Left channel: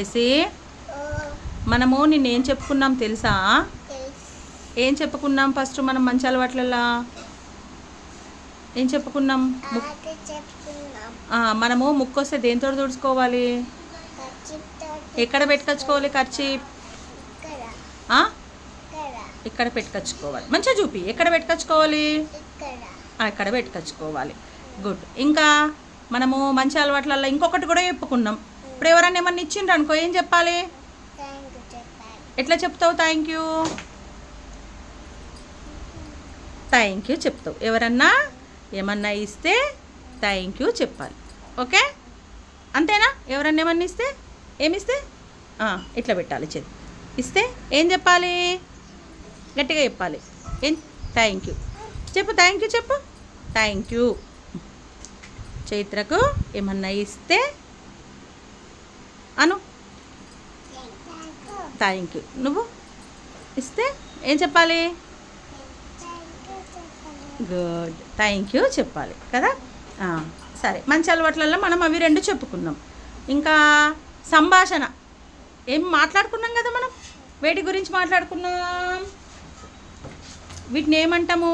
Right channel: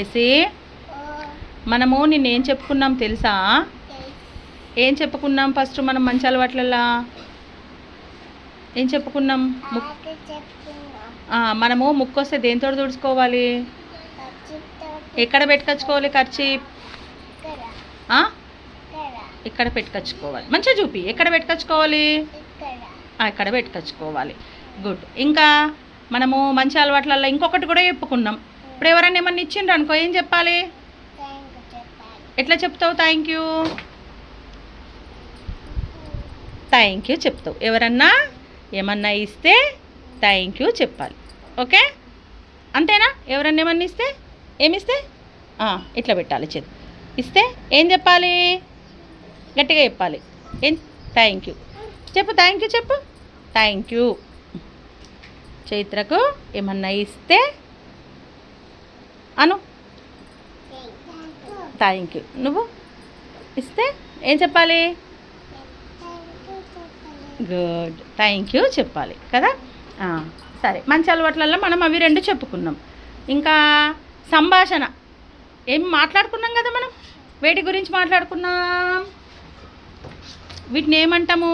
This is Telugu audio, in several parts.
చేసి మనము నిన్నేం చెప్పుకున్నాం తెలుసా? ఏం చెప్పుకున్నాం? ఫస్ట్ మనం మంచి అలవాట్లలా ఏం చెప్పుకున్నాం? మనము ముక్కొస్తే దేంతో తుడుచుకోవాలి? ఎక్కడ పెట్టుకొచ్చుకోవాలి? ఖర్చు ఇక్కడ పెట్టుకొచ్చుకోవాలి. మంచిగా చూపి. ఎక్కడ పెట్టుకొచ్చుకోవాలి? ఇక్కడ పెట్టుకొచ్చుకోవాలి. గుడ్. ఇంకా మనము మంచి అలవాట్లల్లో ఇంకొకటి కూడా చెప్పుకున్నాం. ఇప్పుడు ఎవరైనా ఏమన్నా ఇచ్చిండ్రు అనుకో, ఏం చెప్పాలి? ఎట్లా చెప్తావు? థ్యాంక్ యూ చెప్తావు. ఎవరన్నా ఏమన్నా ఇస్తే థ్యాంక్ యూ చెప్పాలి. ఓకే, అంతేనా? ఎవరన్నా ఏమన్నా ఇస్తే ఏమిస్తే ఇట్లా పెట్టాలి. చేతి ఇస్తే ఏం చెప్పాలి? గట్టిగా చెప్పాలి. ఏం? థ్యాంక్ యూ చెప్పు. థ్యాంక్ యూ చెప్పు. Thank you. చైత్రకు ఏమన్నా ఇస్తే అను థ్యాంక్ యూ. నువ్వు ఇస్తే ఏం చెప్పాలి? గుడ్, థ్యాంక్ యూ చెప్పాలి కదా. సరే, మంచి అలవాట్లలో మనం అవి రెండు చెప్పుకున్నాం. ఇంకా సంభాషణ ఏం మాట్లాడుకున్నాం కదా మనం. వేటి గురించి మాట్లాడుకున్నాం? వీటిని ఏమంటాము?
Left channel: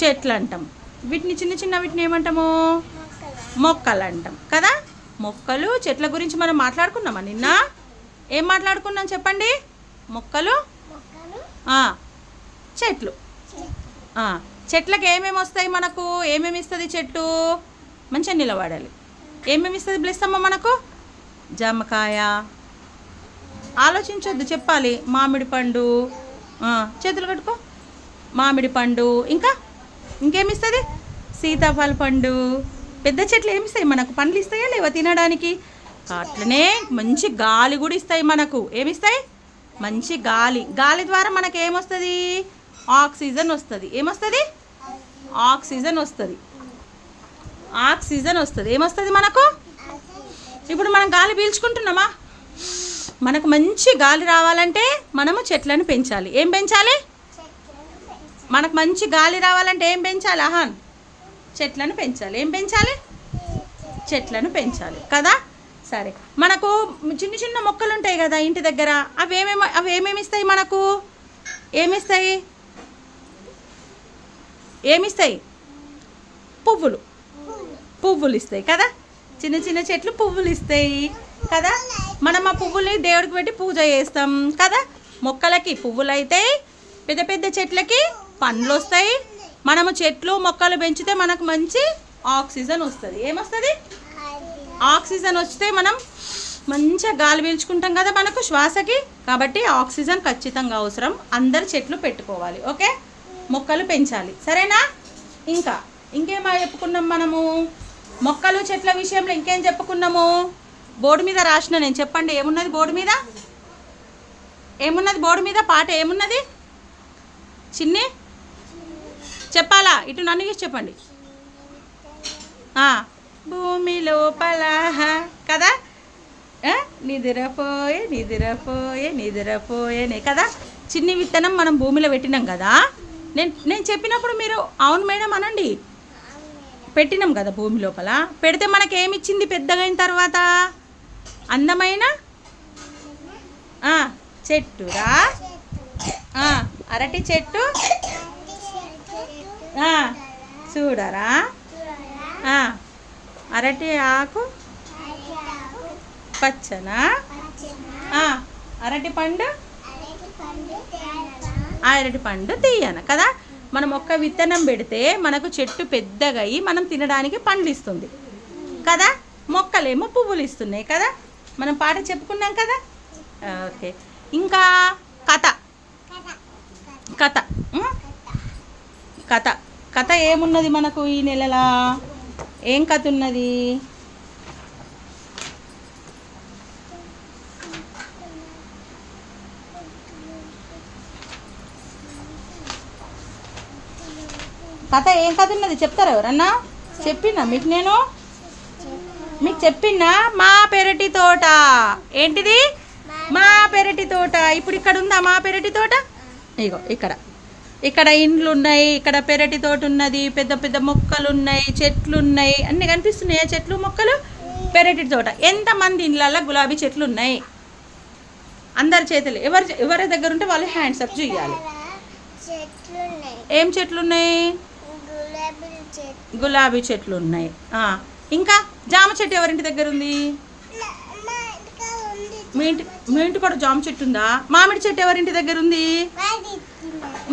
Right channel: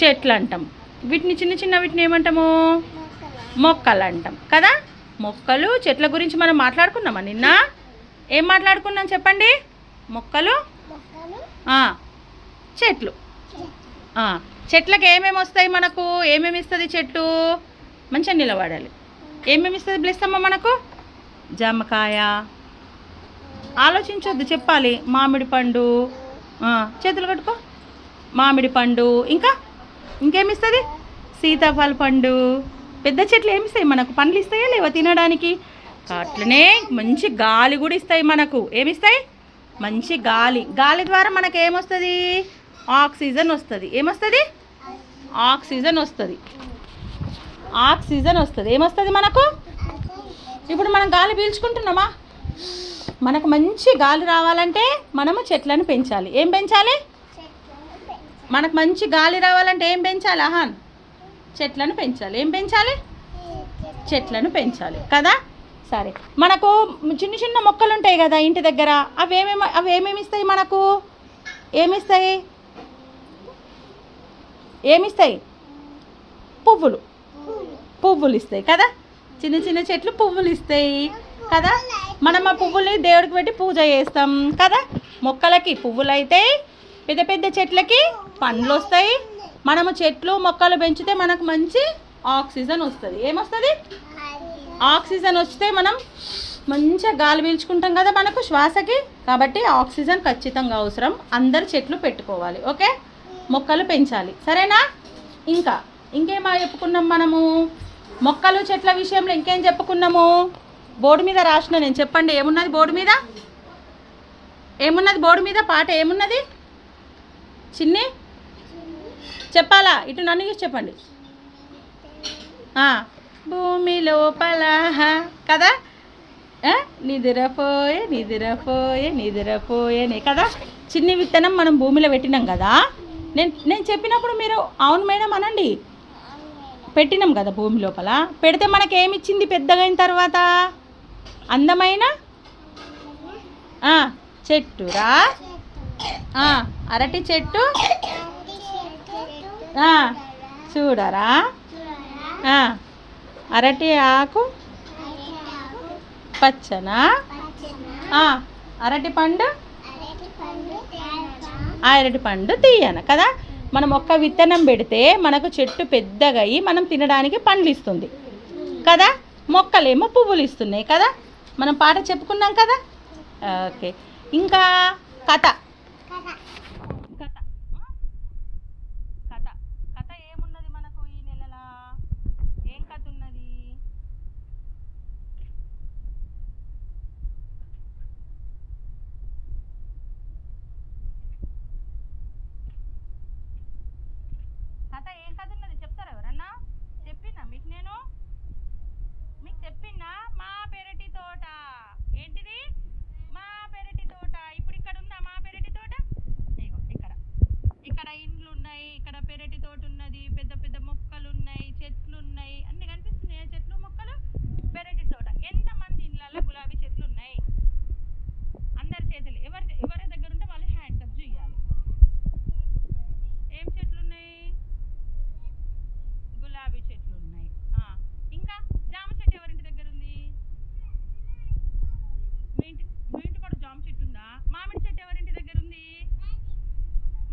చెట్లు అంటాం. వీటిని చిన్న వీటిని ఏమంటాము? మొక్కలు అంటాం కదా. మొక్కలు చెట్ల గురించి మనం మాట్లాడుకున్నామా నిన్న? ఏం మాట్లాడుకున్నాం చెప్పండి? మొక్కలు, చెట్లు. చెట్లకు ఏమేమి వస్తాయి మనకు? ఏమేమి ఇస్తుంది చెట్టు? మంచిగా నిలబడాలి. ఏమేమి ఇస్తుంది బ్లెస్సమ్మ మనకు? జామకాయ. ఆలోచించొద్దు, చెప్పాలి. మామిడి పండు. చేతులు కట్టుకో. మామిడి పండు. ఇంకేమిస్తుంది? సీతాఫల పండు. పెద్ద చెట్లు ఏమిస్తాయి మనకు? పండ్లు ఇస్తాయా లేవా తినడానికి? అట్లనే మంచి గాలి కూడా ఇస్తాయి మనకు. ఏమిస్తాయి? మంచి గాలి. గాలి ద్వారా మనకు ఏమొస్తుంది? ఆక్సిజన్ వస్తుంది. ఏమొస్తుంది? ఆక్సిజన్ వస్తుంది. ఏమొస్తుంది మనకు? ఇప్పుడు మనం గాలి పీల్చుకుంటున్నామా? మనకు మంచి గాలి రావాలంటే మనము చెట్లను పెంచాలి. ఏం పెంచాలి? మనకు మంచి గాలి రావాలంటే ఏం పెంచాలి? చెట్లను పెంచాలి. ఏం పెంచాలి? చెట్లను పెంచాలి కదా. సరే, మనకు చిన్న మొక్కలు ఉంటాయి కదా ఇంటి దగ్గర. అవి ఏమేమి ఇస్తాయి మనకు? ఏమిస్తాయి? పువ్వులు ఇస్తాయి కదా. చిన్న చెట్లు పువ్వులు ఇస్తాయి కదా. మనం ఆ పువ్వుల్ని దేవుడికి పెట్టి పూజ చేస్తాం కదా. మొక్కలకి పువ్వులు అవుతాయి, పెద్ద చెట్లకి పండ్లు వస్తాయి. మనము చెట్లు మొక్కలు పెంచితే మనకు మంచి ఆక్సిజన్ వస్తుంది. ఏమొస్తుంది? ఆక్సిజన్ వస్తే మనం మంచిగా గాలి పీల్చుకుంటాం కదా మనకు శ్వాసకి. కాబట్టి ఆక్సిజన్ ఖచ్చితంగా అవసరం. అందరు చెట్లు పెట్టుకోవాలి. ఓకే, మొక్కలు పెంచాలి. సరేనా? ఇంకేమో చెప్పుకున్నాం మనము. మొక్కలు చెట్ల విషయంలో ఇంకేం చెప్పుకున్నాము? బోర్డు మీద రాసిన నేను. చెప్పండి ఏమున్నది బోర్డు మీద? బోర్డు మీద పాట ఏమున్నది? చిన్ని చెప్పాలా? ఇటు నన్ను చూసి చెప్పండి. భూమి లోపల కదా. నిద్రపోయే కదా. చిన్ని విత్తనం మనం భూమిలో పెట్టినాం కదా. నేను చెప్పినప్పుడు మీరు అవును మేడం అనండి. పెట్టినాం కదా భూమి లోపల. పెడితే మనకి ఏమిచ్చింది పెద్దగా అయిన తర్వాత? అందమైన చెట్టురా. అరటి చెట్టు చూడరా. అరటి ఆకు పచ్చన. అరటి పండు తీయన కదా. మనం ఒక్క విత్తనం పెడితే మనకు చెట్టు పెద్దగా అయ్యి మనం తినడానికి పండ్లు ఇస్తుంది కదా. మొక్కలేమో పువ్వులు ఇస్తున్నాయి కదా. మనం పాట చెప్పుకున్నాం కదా. ఓకే, ఇంకా కథ ఏమున్నది మనకు ఈ నెలలా? ఏం కథ ఉన్నది? ఏం కథ ఉన్నది చెప్తారా ఎవరన్నా? చెప్పినా మీకు? మీకు చెప్పినా? మా పెరటి తోట. ఏంటిది? మా పెరటి తోట. ఇప్పుడు ఇక్కడ ఉందా మా పెరటి తోట? ఇగో ఇక్కడ ఇక్కడ ఇండ్లు ఉన్నాయి, ఇక్కడ పెరటి తోట ఉన్నది, పెద్ద పెద్ద మొక్కలు ఉన్నాయి, చెట్లు ఉన్నాయి, అన్నీ కనిపిస్తున్నాయి. చెట్లు మొక్కలు పెరటి తోట. ఎంతమంది ఇండ్లలో గులాబీ చెట్లు ఉన్నాయి? అందరి చేతులు ఎవరి దగ్గర ఉంటే వాళ్ళు హ్యాండ్స్ అప్ చేయాలి. ఏం చెట్లు ఉన్నాయి? గులాబీ చెట్లు ఉన్నాయి. ఇంకా జామ చెట్టు ఎవరింటి దగ్గర ఉంది? మీ ఇంటి కూడా జామ చెట్టు ఉందా? మామిడి చెట్టు ఎవరింటి దగ్గర ఉంది?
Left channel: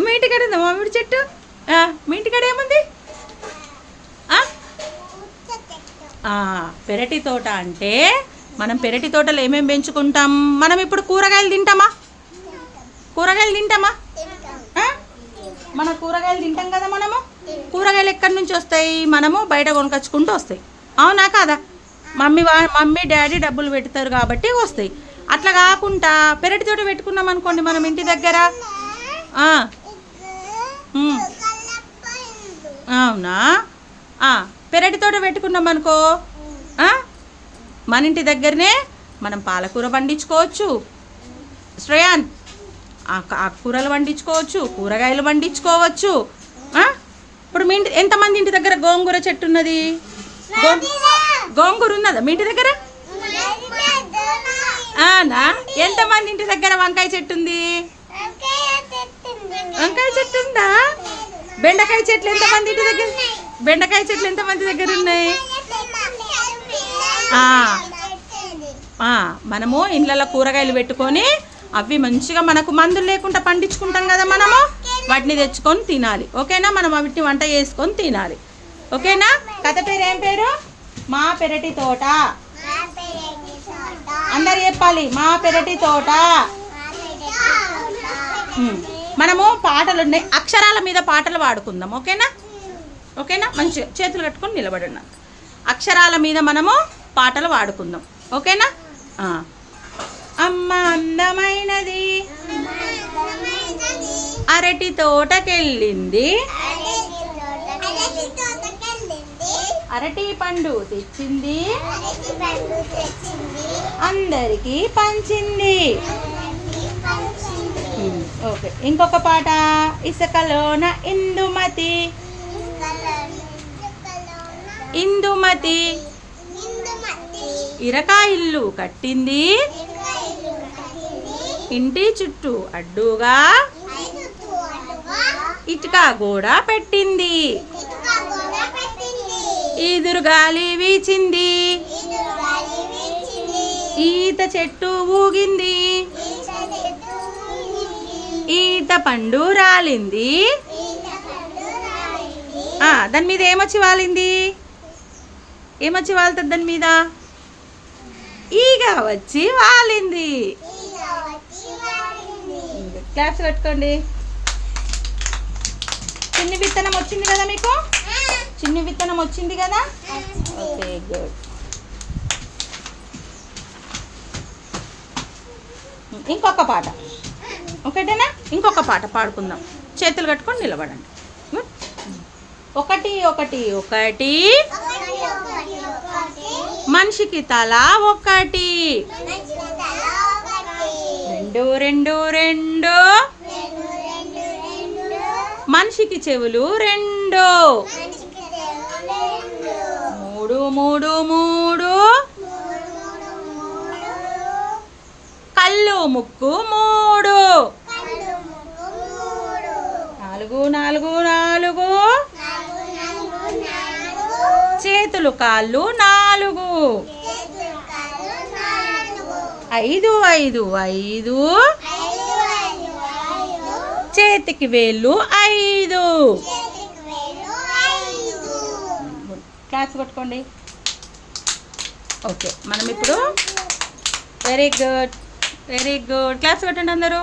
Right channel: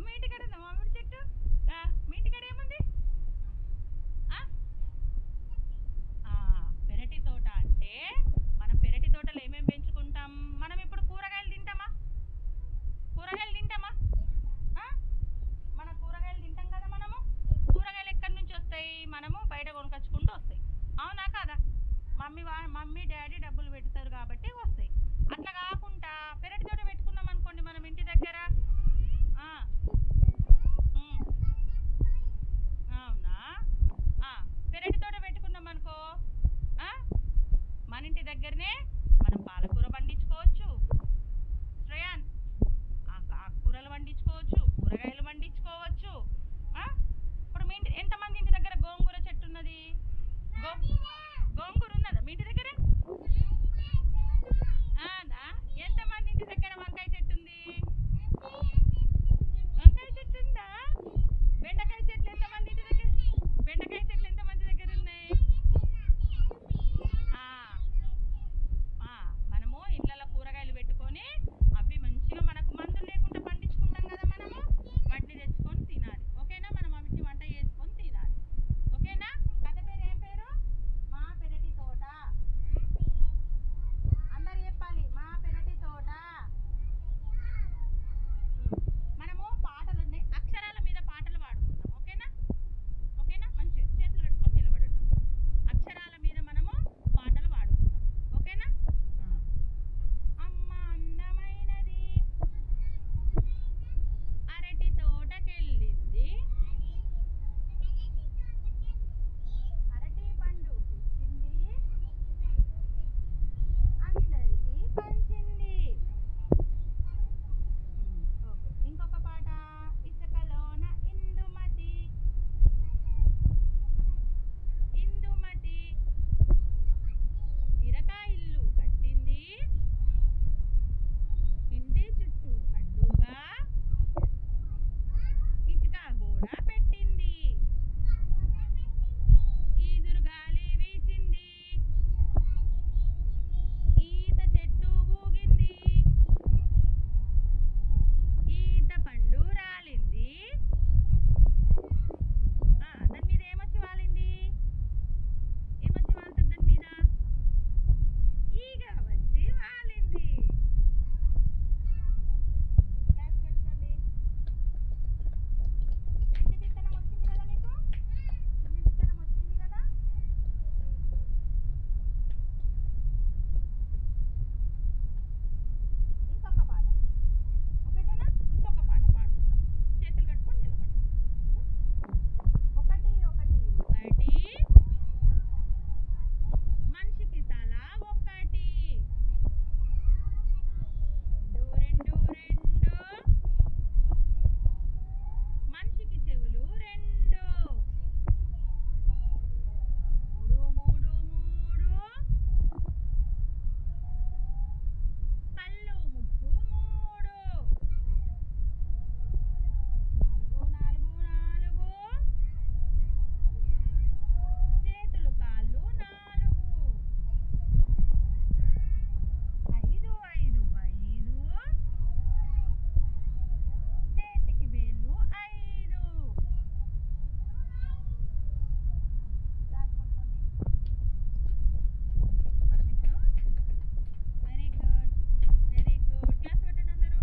మీ ఇంటికాడ ఉందా మామిడి చెట్టు? మీ ఇంటికాడ ఏముంది? పెరటి తోట అంటే మనం పెరటి తోటలో ఏమేమి పెంచుకుంటాం? మనం ఇప్పుడు కూరగాయలు తింటామా? మన కూరగాయలు తింటాం కదా. మనము కూరగాయలు ఎక్కడి నుంచి వస్తాయి? మనము బయట కొనుకొచ్చుకుంటూ వస్తాయి. అవునా కాదా? మమ్మీ డాడీ డబ్బులు పెడతారు కాబట్టి వస్తాయి. అట్లా కాకుండా పెరటి తోట పెట్టుకున్నాం అనుకోండి మనం ఇంటి దగ్గర. అవునా? పెరటి తోట పెట్టుకున్నాం అనుకో, మన ఇంటి దగ్గరనే మనం పాలకూర పండించుకోవచ్చు, శ్రేయాన్ ఆకుకూరలు పండించుకోవచ్చు, కూరగాయలు పండించుకోవచ్చు. ఇప్పుడు మీ ఇంటి ఎంతమంది ఇంటి దగ్గర గోంగూర చెట్టు ఉన్నది? గోంగూర ఉన్నదా మీ ఇంటి దగ్గర? ఎంతమంది ఇంటి దగ్గర వంకాయ చెట్టు ఉంది? వంకాయ చెట్టు ఉందా? బెండకాయ చెట్లు ఎంతమంది ఇంటి దగ్గర? బెండకాయ చెట్లు ఎంతమంది దగ్గర ఉన్నాయి? మనము ఇండ్లలో కూరగాయలు పెట్టుకొని అవి మంచిగా మనకు మందులు లేకుండా పండించుకుంటాం కదా. మనము వాటిని తెచ్చుకొని తినాలి. ఓకేనా? మనం వాటిని వంట చేసుకొని తినాలి. ఓకేనా? కథ పేరు ఏం పేరు? మా పెరటి తోట. అందరు చెప్పాలి, మా పెరటి తోట. మనము పాటలు ఉన్నాయి, అక్షరాల మీద పాటలు పాడుకుందాం. ఓకేనా? మంచిగా చేతులు కట్టుకొని నిలబడి ఉన్నాం. అక్షరాల మీద మనము పాటలు పాడుకుందాం. ఓకేనా? అమ్మ అందమైనది అరటి తోటకెళ్ళింది, అరటి పండు తెచ్చింది, అందరికీ పంచింది. ఓకే, ఇంకొక పాట. ఇసుకలోన ఇందుమతి, ఇందుమతి ఇరకా ఇల్లు కట్టింది, ఇంటి చుట్టూ అడ్డుగా ఇటుక గోడ పెట్టింది, ఈదురుగాలి వీచింది, ఈత చెట్టు ఊగింది, ఈత పండు రాలింది. దాని మీద ఏమొచ్చి వాలింది? ఏమొచ్చి వాళ్తుంది దాని మీద? ఈగ వచ్చి వాలింది. క్లాప్స్ పెట్టుకోండి. చిన్ని విత్తనం వచ్చింది కదా మీకు? చిన్ని విత్తనం వచ్చింది కదా? Okay, good. ఇంకొక పాట. ఒకటేనా? ఇంకొక పాట పాడుకుందాం. చేతులు కట్టుకొని నిలబడండి. ఒకటి ఒకటి ఒకటి మనిషికి తల ఒకటి, రెండు రెండు రెండు మనిషికి చెవులు రెండు, మూడు మూడు మూడు కళ్ళు ముక్కు మూడు, నాలుగు నాలుగు నాలుగు చేతులు కాళ్ళు నాలుగు, ఐదు ఐదు ఐదు చేతికి వేళ్ళు ఐదు. క్లాప్స్ కొట్టుకోండి. ఓకే, మనం ఇప్పుడు very good, very good. Claps కొట్టండి అందరూ.